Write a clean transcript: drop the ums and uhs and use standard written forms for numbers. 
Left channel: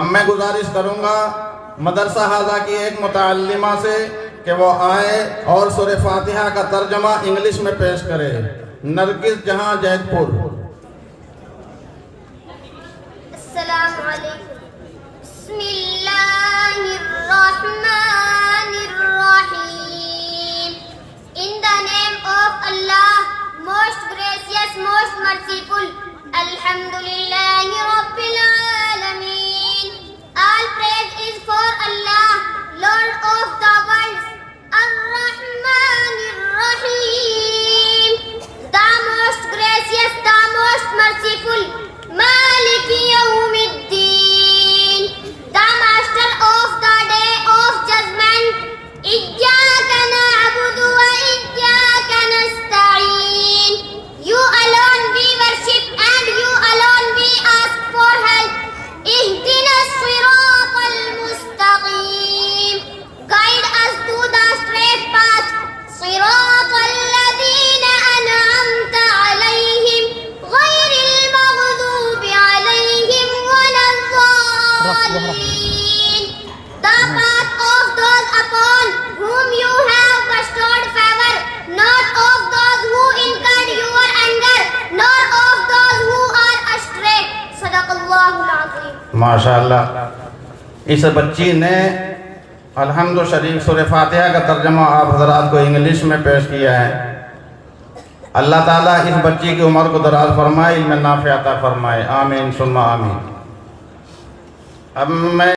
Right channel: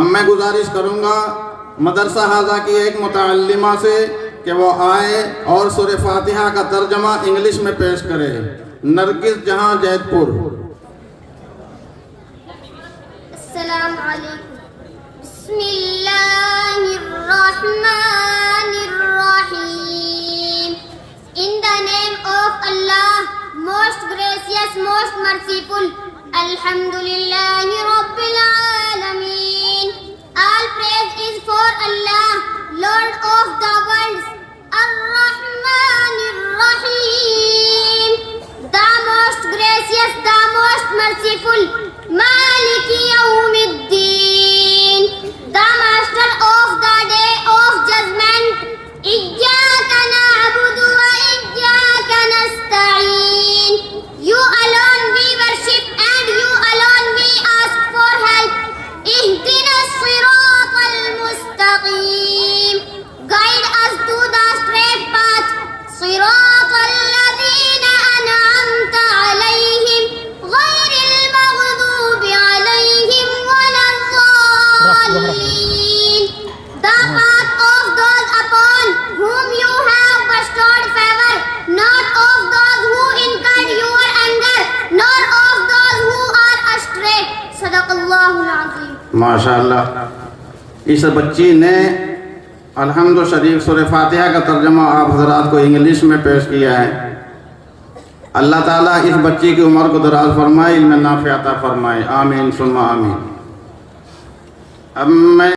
अब मैं गुजारिश करूंगा मदरसा हाजा की एक मुतअल्लिमा से कि वो आए और सूरह फातिहा का तर्जमा इंग्लिश में पेश करे। नरगिस जहां, जैतपुर। अस्सलाम वालेकुम। बिस्मिल्लाहिर रहमानिर रहीम। In the name of Allah, most gracious, most merciful. Alhamdulillahi Rabbil Alameen. All praise is for Allah, Lord of the worlds. Ar-Rahmanir Rahim. The most gracious, the most merciful. Maliki Yawmiddin. The master of the day of judgment. Iyyaka na'budu wa iyyaka nasta'in. You alone we worship and you alone we ask for help. Ihdina as-siratal mustaqim. Guide us to the straight path. Siratal ladhina an'amta alayhim ghayril maghdubi alayhim waladdallin. The path of those upon whom you have bestowed favor, not of those who incurred your anger, nor of those who are astray. Sadaqallahul Azim. माशाअल्लाह। इस बच्ची ने अल्हम्दु शरीफ सूरह फातिहा का तर्जमा आप हजरात को इंग्लिश में पेश किया है। अल्लाह ताला इस बच्ची की उम्र को दराज फरमाए, इल्म नाफ़िअ अता फरमाए। आमीन सुम्मा आमीन। अब मैं